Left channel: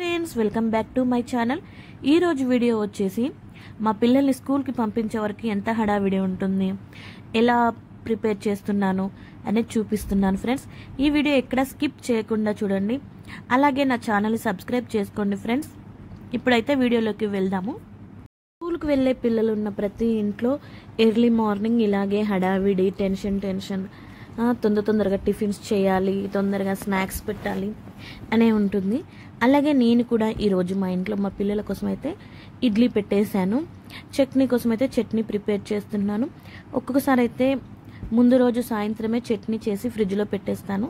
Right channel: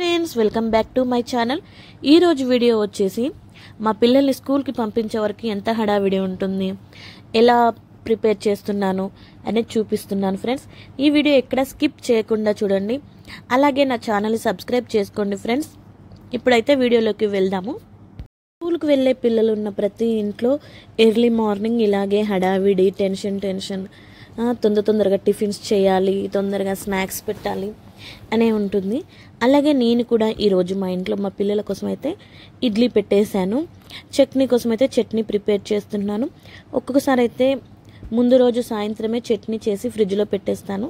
Friends welcome back to my channel. ఈ రోజు video వచ్చేసి మా పిల్లల్ని స్కూల్కి పంపించే వరకు ఎంత హడావిడి ఉంటుంది, ఎలా ప్రిపేర్ చేస్తున్నాను అనేది చూపిస్తున్నాను ఫ్రెండ్స్. ఈ వీడియో ఎక్కడ స్కిప్ చేయకుండా చూడండి. అలాగే నా ఛానల్ని సబ్స్క్రైబ్ చేసుకోండి ఫ్రెండ్స్. ఇప్పుడైతే వీడియోలోకి వెళ్దాము. స్కూల్కి వెళ్ళే పిల్లలు ఉన్న ప్రతి ఇంట్లో ఎర్లీ మార్నింగ్ ఇలాగే హడావిడి, టెన్షన్ తొందరగా టిఫిన్స్ చేయాలి, తొందరగా స్నాక్స్ పెట్టాలి అనే ఉంటుంది. అలాగే నేను కూడా ఈరోజు మా ఇంట్లో మా పిల్లల కోసం అయితే ఇడ్లీ పెట్టేశాను. చట్నీ కోసం అయితే చట్నీ ప్రిపేర్ చేస్తున్నాను. ఒక్కొక్కసారి అయితే ముందు రోజు సాయంత్రమే చట్నీ చేసి ఫ్రిడ్జ్లో పెట్టేస్తాను.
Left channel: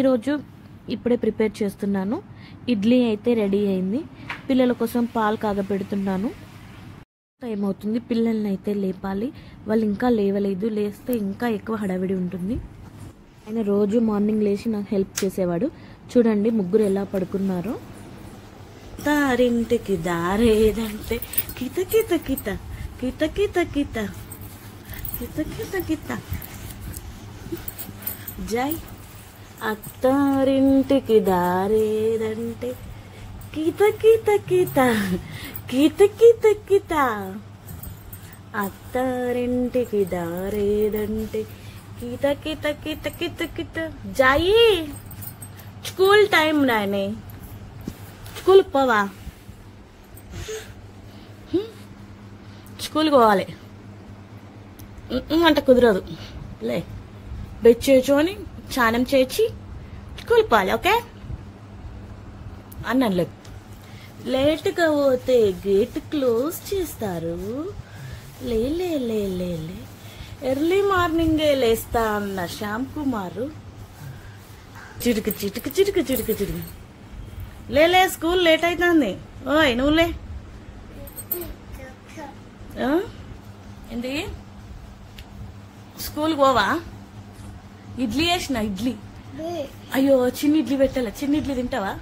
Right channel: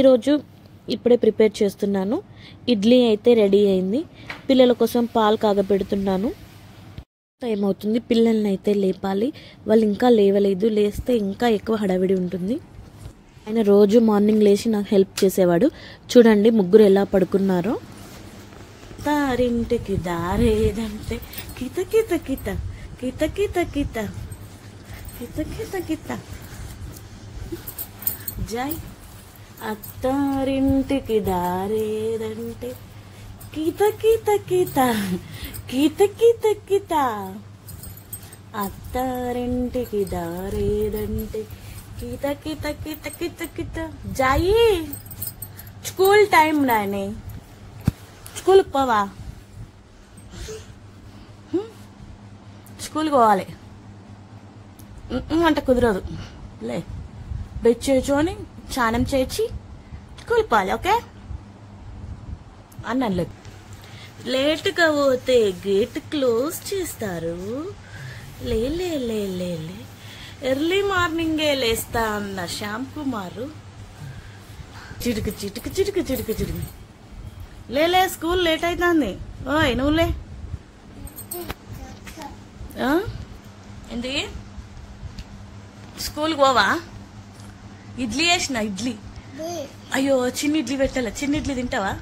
ఈరోజు ఇప్పుడే ప్రిపేర్ చేస్తున్నాను. ఇడ్లీ అయితే రెడీ అయింది. పిల్లల కోసం పాలు కాగపెడుతున్నాను. టైం అవుతుంది. పిల్లల్ని అయితే లేపాలి. వాళ్ళు ఇంకా లేవలేదు. లేస్తే ఇంకా ఎక్కువ హడావిడి ఉంటుంది. ఆయన రోజు మార్నింగ్ లేచి నాకు హెల్ప్ చేసేవాడు. చూడండి ముగ్గురు ఎలా పడుకున్నారో. తారింటికి దారేదంటే కిత కిత కిత కిత కిత కిత కిత కిత కిత జై. అత్తారింటికి దారేదంటే కిత కిత కిత కిత కిత కిత. అత్తారింటికి దారేదంటే కిత కిత కిత కిత కిత. जाइए स्कूल टाइम राने स्कूल పోవా, స్కూల్కి పోవాలి అంటే కుదరదు. లే బెడ్ చేర్చుకొని స్నానం చేసి స్కూల్ పోవాలి. ఓకే అన్నాను. లేట్గా పోతే గేట్ క్లోజ్ చేస్తారు. లే లే లే లే లే ఎర్లీ మార్నింగే లేస్తా అన్న శ్యామ్ కుమారు చిటుకు చిటుకు చిటుకు చిటుకు చిటుకు. లేలే స్కూల్ లేట్ అవుతుంది. ఓయ్ నువ్వులే. ఏంటి స్కూల్కి పోవా? ఇడ్లీ వేసిన ఇడ్లీ. అయ్యో చిన్న ఇడ్లీ పెట్టాలా? చిన్న ఇడ్లీ తింటావా?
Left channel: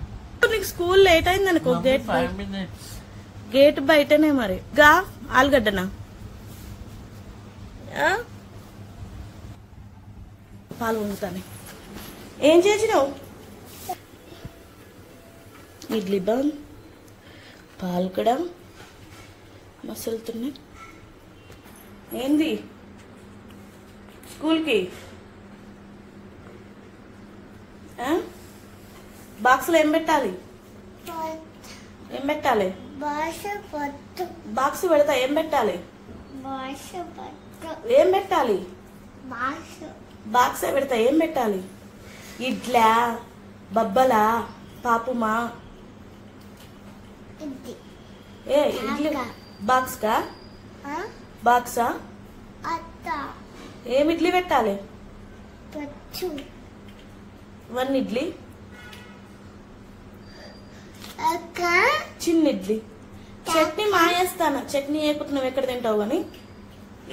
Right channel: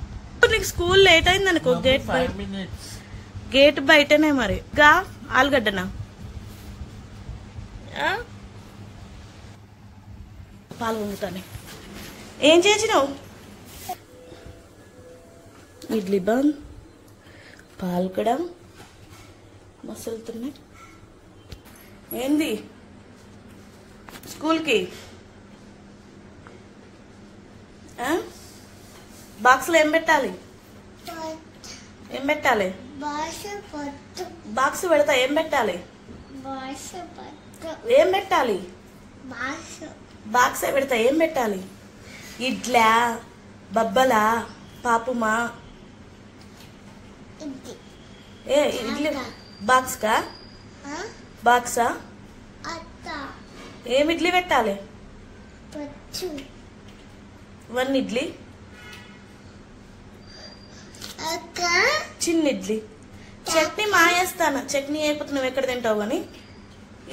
నీకు స్కూల్ లేట్ అయింది అనుకో, గేట్ బయటనే మరి. గా ఆలుగడ్డనా? పాలు వండుతాను. ఏం చేసినావు? ఇడ్లీ బంద్, పాలు కూడా మసులుతున్నాయి. ఏంది స్కూల్కి బాక్స్లో ఏం పెట్టాలి? ఏం పెట్టాలి? బాక్స్ పెడతా. ఏం పెట్టాలి? ఏం పెట్టాలి? బాక్సే పెడతా. ఏం పెట్టాలి? ఇడ్లా, బబ్బలా, పాపుమా? ఏ ఇడ్లీ బాక్స్ కా? బాక్సా? ఏం ఇడ్లీ పెట్టాలి? 1 ఇడ్లీ, చిన్న ఇడ్లీ. చట్నీ మాయేస్తాను. చట్నీ వేయకపోతే నువ్వు ఎక్కడ తింటావు కానీ.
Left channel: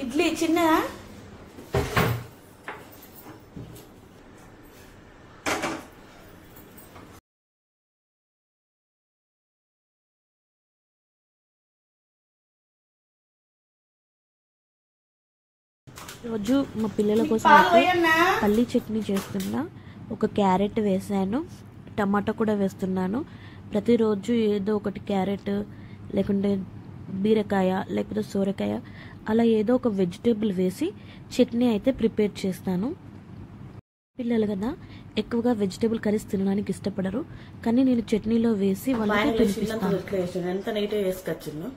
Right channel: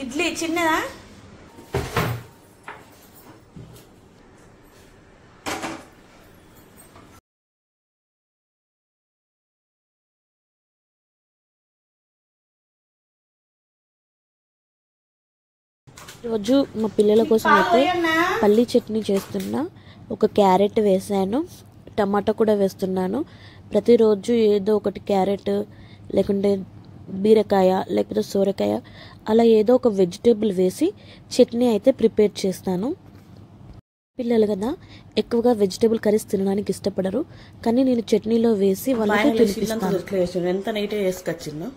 ఇడ్లీ చిన్నదా? రోజు మా పిల్లల కోసం అయితే పల్లీ చట్నీ చేస్తున్నా. ఒక క్యారెట్ వేసాను, టమాటా కూడా వేస్తున్నాను. ప్రతిరోజు ఏదో ఒకటి క్యారెట్ లేకుంటే బీరకాయ లేకపోతే సోరకాయ అలా ఏదో ఒక వెజిటేబుల్ వేసి చట్నీ అయితే ప్రిపేర్ చేస్తాను. పిల్లలు కదా ఎక్కువగా వెజిటేబుల్ కర్రీస్ తినడానికి ఇష్టపడరు, కానీ నేను చట్నీలో వేసి వాళ్ళకి తినిపిస్తాను. ఎంత నీట్గా వేసుకొచ్చిందో.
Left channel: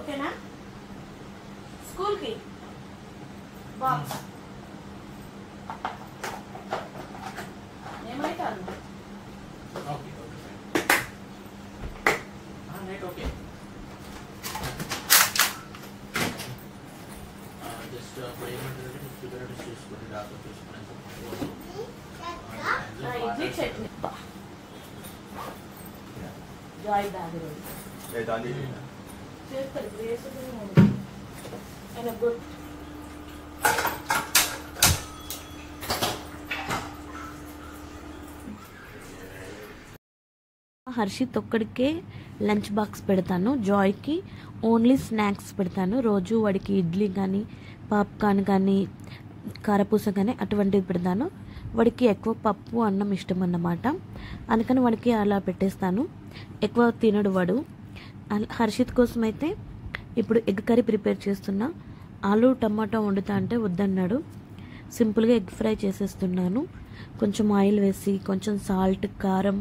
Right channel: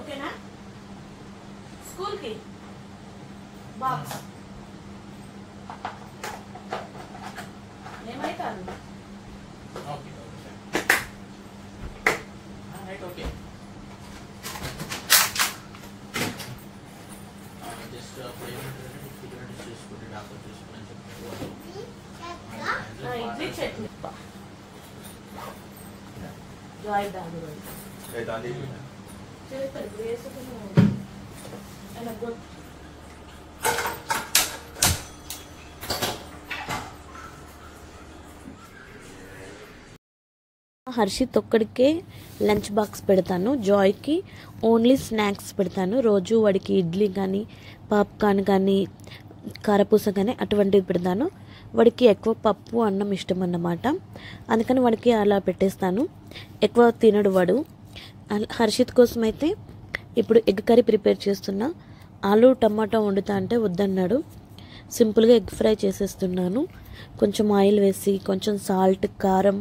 ఓకేనా? స్కూల్కి బాక్స్ ఏమైతాను? ఇడ్లీ చట్నీ హర్షిత్ ఒక్కడికే లంచ్ బాక్స్ పెడతాను. జాయ్కి ఓన్లీ స్నాక్స్ పెడతాను. రోజు వాడికి ఇడ్లీ కానీ పాప్కార్న్ కానీ కారపూస కానీ అటువంటివి పెడతాను. వాడికి ఎక్కువ పప్పు అన్నం ఇష్టం అన్నమాట. అందుకని వాడికి అలా పెట్టేస్తాను. ఎక్కువ తినడు వాడు. హర్షిత్ కోసం అయితే ఇప్పుడు ఎగ్ కర్రీ ప్రిపేర్ చేస్తున్నా. ఆలు టమాటా వండుతా అంటే వద్దన్నాడు. సింపుల్గా ఎగ్ ఫ్రై చేసేస్తున్నాను. కొంచెం ఆయిల్ వేసి కొంచెం సాల్ట్, కారం,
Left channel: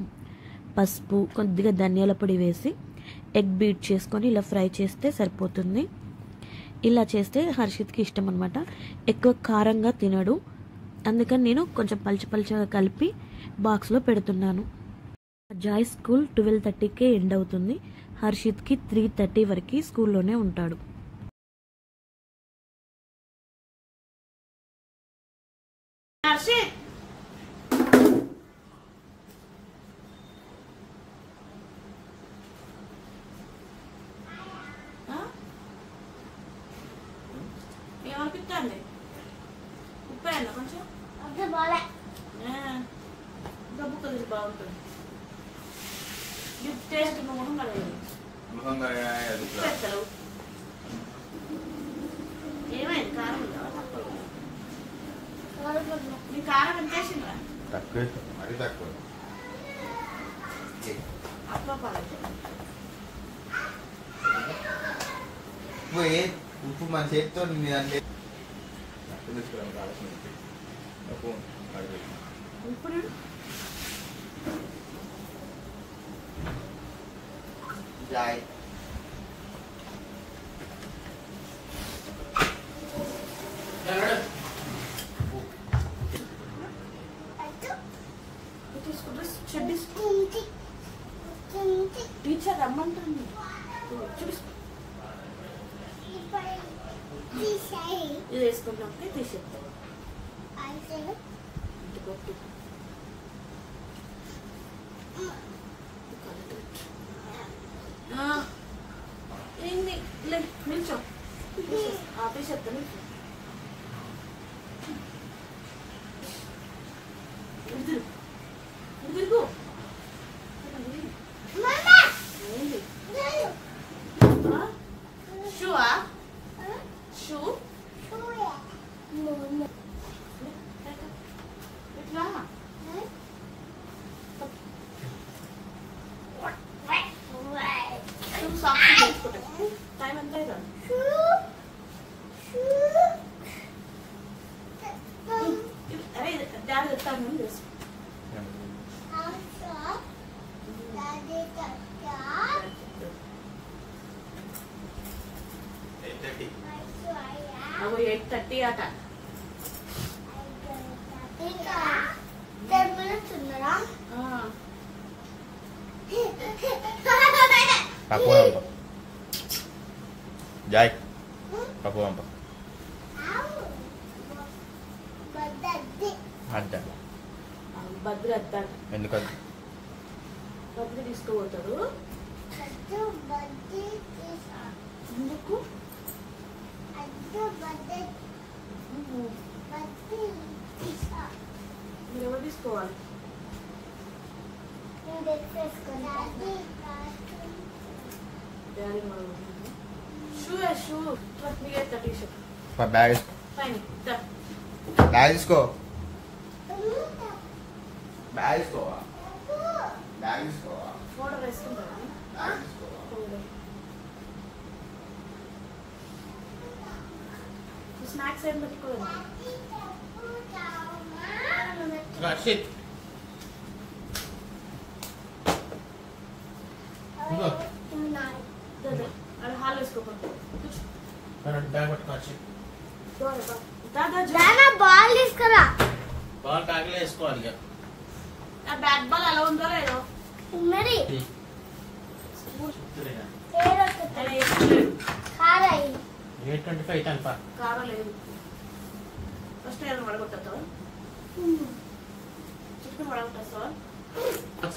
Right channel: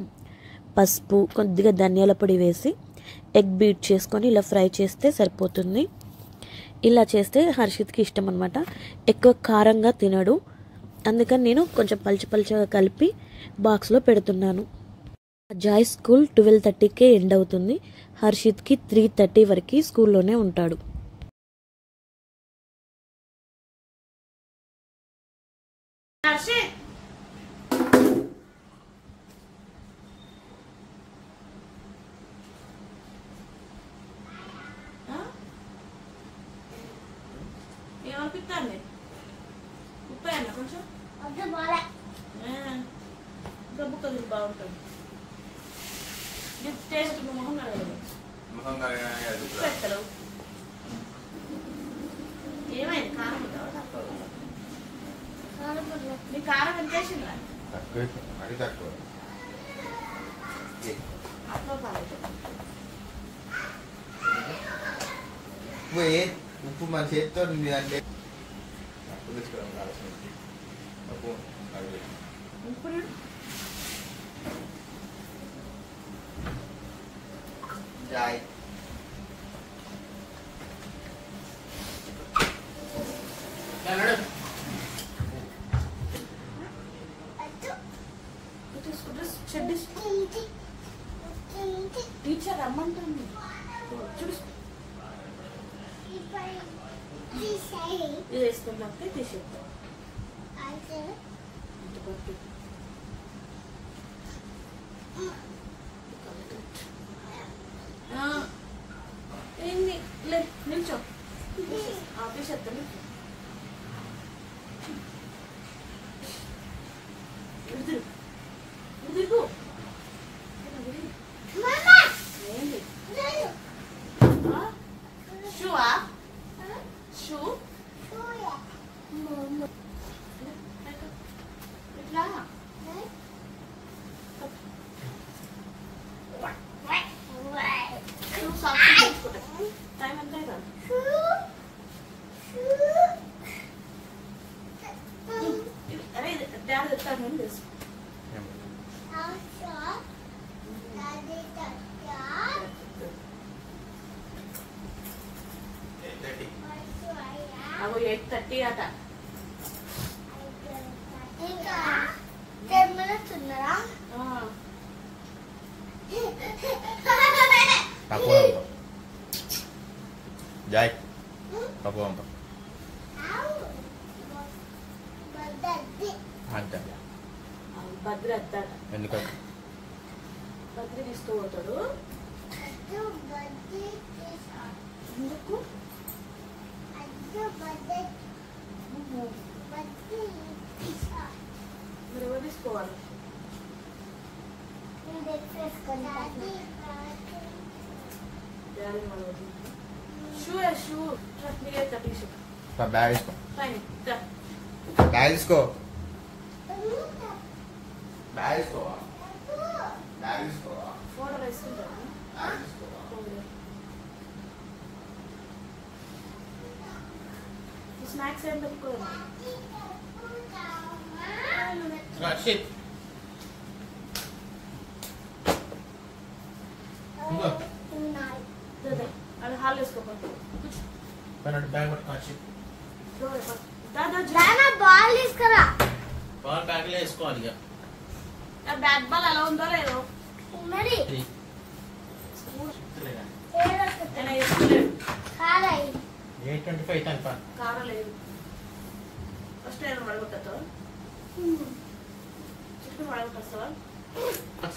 పసుపు, కొద్దిగా ధనియాల పొడి వేసి ఎగ్ బీట్ చేసుకొని ఇలా ఫ్రై చేస్తే సరిపోతుంది. ఇలా చేస్తే హర్షిత్కి ఇష్టం అనమాట. ఎక్కువ కారంగా తినడు. అందుకని నేను కొంచెం పలుచగా కలిపి బాక్స్లో పెడుతున్నాను. జాయ్ స్కూల్ 12:30కే ఎండ్ అవుతుంది. హర్షిత్కి 3:30 వరకు స్కూల్లోనే ఉంటాడు. కొంచెం గబ్బు కదిరి బాగుంటుంది. టేస్ట్ మొహం పెట్టలేవు. ఏమైంది? కారం ఉందా తక్కువ? నీ కారం ఎంత వేసిందా? ఉప్పు మన చేతితో ఇప్పుడు జాయ్ టీచర్ రమ్మంటుంది. ఇది వేసుకున్నాక తీసేద్దాం. ఏంది నిల్చో తీసేద్దా నీకు. తిరుగు. ఏంది షూవా? షూ ఇట్లా షూ సాఫ్ట్ చేసుకుంటా. టైం ఎంత కదా? అరే డాడీ చెప్తాను అని తెలుసు. అగో 8:30 అట. జాయ్ పప్పు పంప అంతే. బద్రి అత్తాట. ఎందుకంటే బద్రి తీసుకుపోతాడు. ఎందుకు? మీరు ఎవరు తీసుకోవాలి? షూ షూ మీరైతే టీషర్ట్ బ్యాగ్ తీసుకో. పైన బ్యాగ్ తీసుకో. బ్యాగ్ తీసుకోవా? బ్యాగ్ తీసుకోవా? ఫోటో వేసుకుంటారా? బ్యాగ్ తీసుకోవా? స్నాక్స్ ఏం పెట్టుకోవాలి? హర్షిత్ అది హాల్ వేసుకోకండి. బ్యాగ్ పట్టుకో. హర్షిత్ దాదా బాల్ తీసుకురా. బాల్ బ్యాగ్లో వేసుకోవాలి. ఇక బ్యాట్ బాల్ ఎలా ఉందో లేదో మరి 8:25 కారం లేదు. ఫస్ట్ నేను పడగొట్టా చుట్టూ పడగొట్టేస్తావా?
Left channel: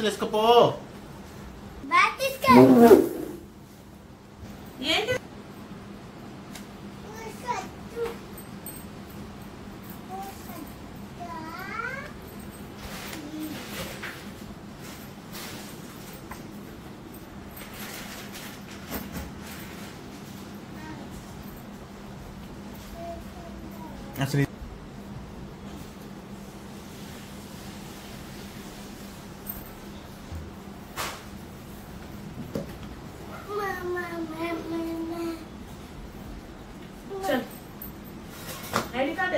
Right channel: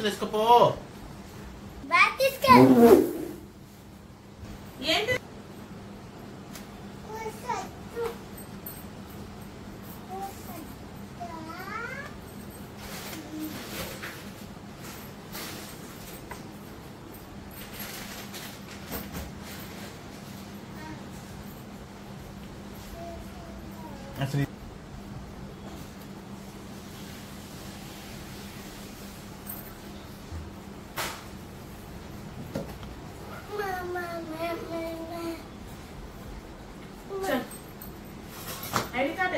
వేసుకోపో. ఏంటి चल ఐడి కార్డ్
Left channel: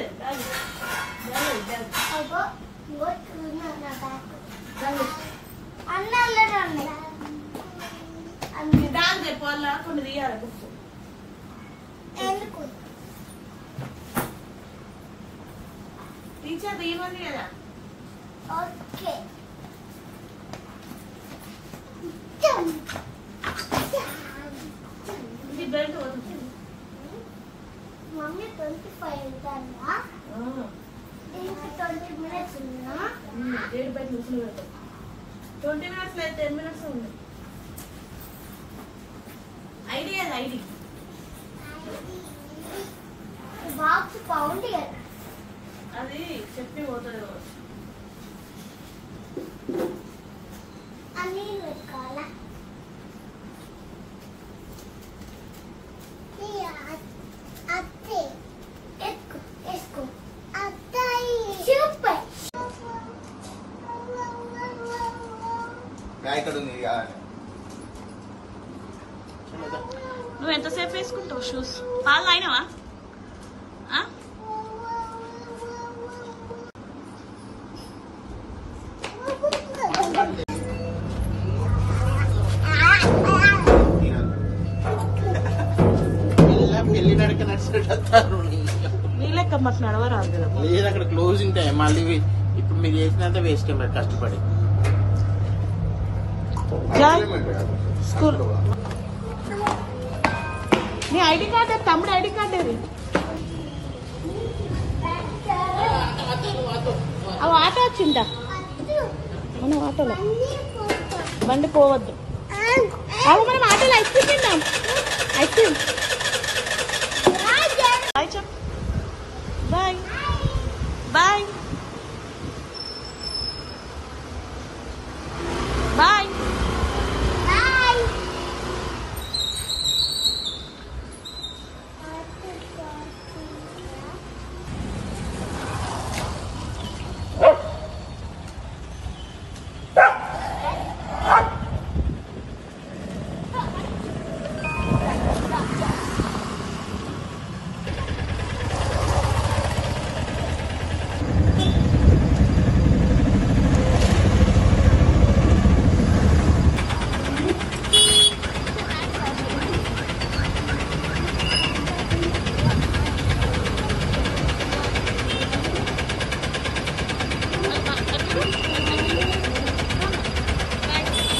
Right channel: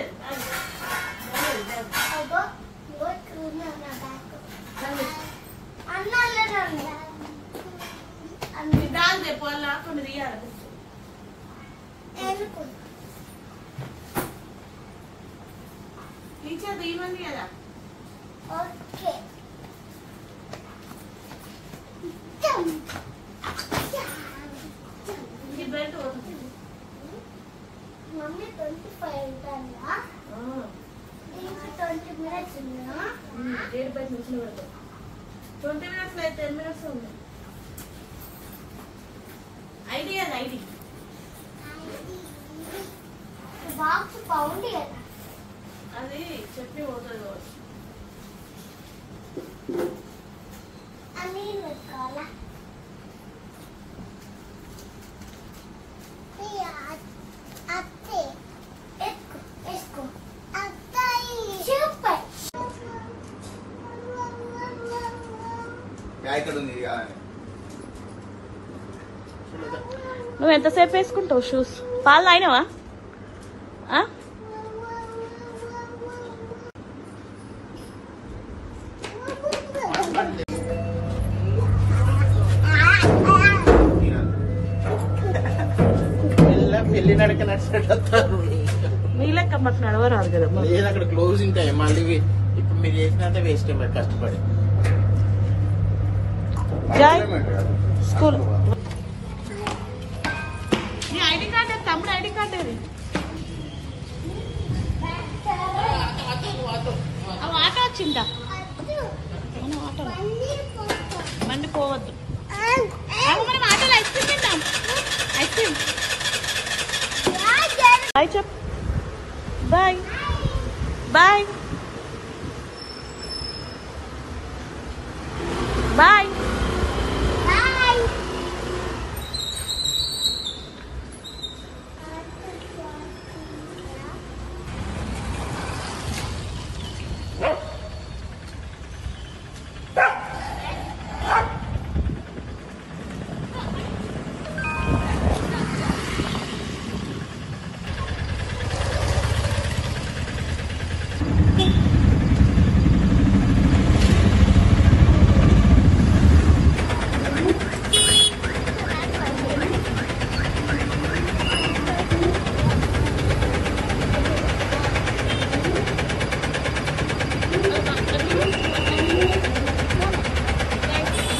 బ్యాగ్ రేపు వాళ్ళ కొన్ని తీయాలి టీచర్ తీయమని కదా ఓకే ఇది బెల్ట్ వస్తుంది మమ్మీ 25 ఉంటానా దీనికి 20 మినిట్స్ ఉన్నా డేట్ బయట నుంచి వెళ్తాం 20 మినిట్స్ అయితే 10 మినిట్స్ ఉంది ఐడి అది ఐడి బాక్స్ పౌండ్ కదా అది చెప్పి పోతుంది అన్నీ పెట్టుకోవాలా అత్తే ఎత్తుకో వేసుకో అత్తాయి సూపర్ ఇక్కడ ఉంది నువ్వు ఎంతసేపు వేసుకుంటావు షూస్? పాలు తాగినావా? పెళ్లి నడక నడిచినట్టు నీ లెక్క మాకు నడవరాదు కదా. లేదు అక్కడ క్లోజింగ్ టైం మళ్ళీ ఇప్పుడు మీరు చేసినంత వేస్ట్ మరి కష్టపడి జాయ్ స్కూల్ నీ ఐడి కార్డ్ తమ్ముడు ఐడి కార్డ్ ఏది? అవి ఆటో వచ్చిందా? మనం ఆటోలో బండి పోవద్దు. మనం ఆటోలో ఐస్ క్రీమ్ తిందాం. ఐస్ క్రీమ్ బాయ్ చెప్. Bye bye bye.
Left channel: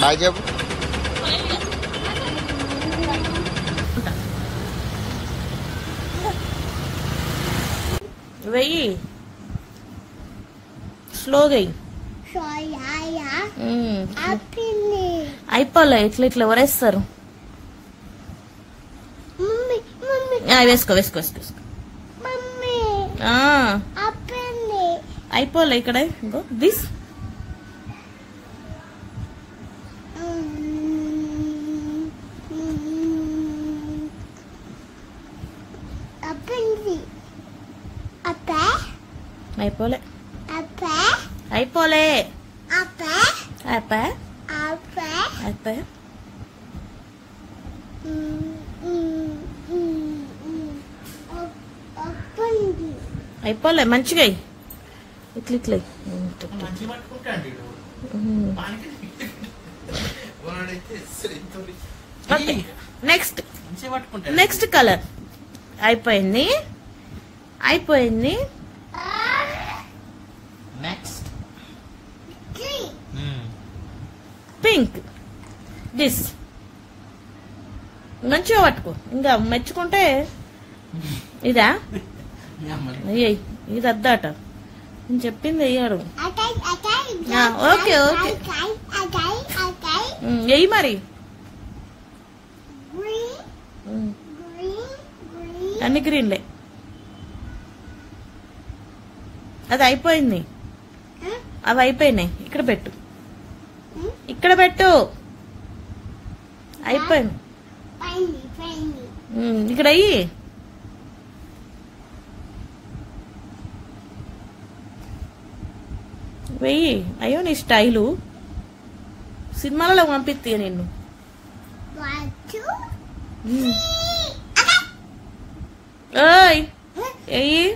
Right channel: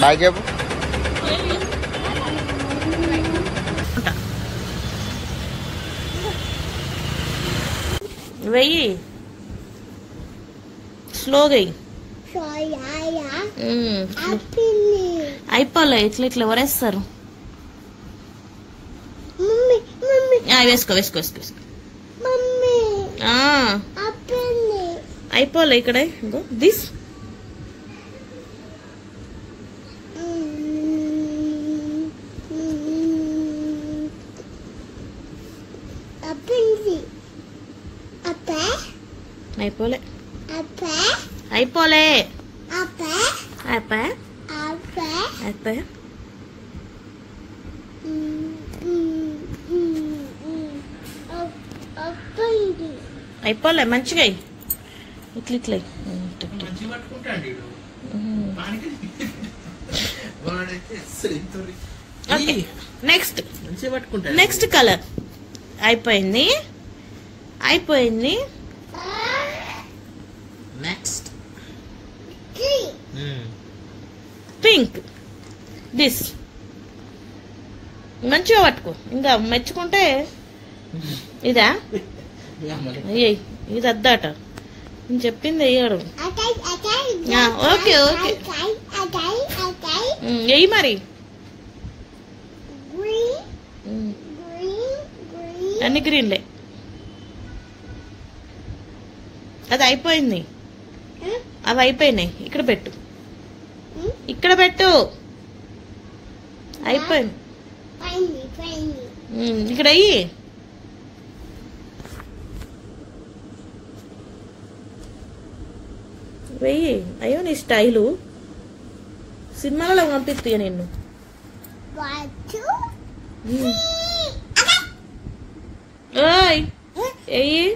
బాయ్ చెప్పు. వెయ్యి స్లోగా అయిపోలే. ఇట్లా ఇట్లా ఎవరేస్తారు? వేసుకో వేసుకో వేసుకో వేసుకో. అయిపోలే ఇక్కడ. ఇంకో దిస్ అయిపోలే అయిపోలే అయిపోయా అయిపోయా. అయిపోలే మంచిగా ఇట్లా ఇట్లా. మంచి పట్టుకుంటాండి ఓకే నెక్స్ట్ మంచి పట్టుకుంటాడు. నెక్స్ట్ కలర్ అయిపోయింది అయిపోయింది. Next pink. దిస్ మంచిగా పట్టుకో. ఇంకా మెచ్చుకుంటే ఇదా ఇది అద్దాట. నేను చెప్పింది అయ్యాడు. ఓకే ఓకే వెయ్యి మరి. అన్ని గ్రీన్లే. అది అయిపోయింది. అవి అయిపోయినాయి. ఇక్కడ పెట్టు ఇక్కడ పెట్టు. అయిపోయింది. ఇక్కడ అయ్యి వెయ్యి. అయ్యో నీ స్టైలు సినిమాలలో పంపిస్తే నిన్ను. ఓయ్ ఎయ్యి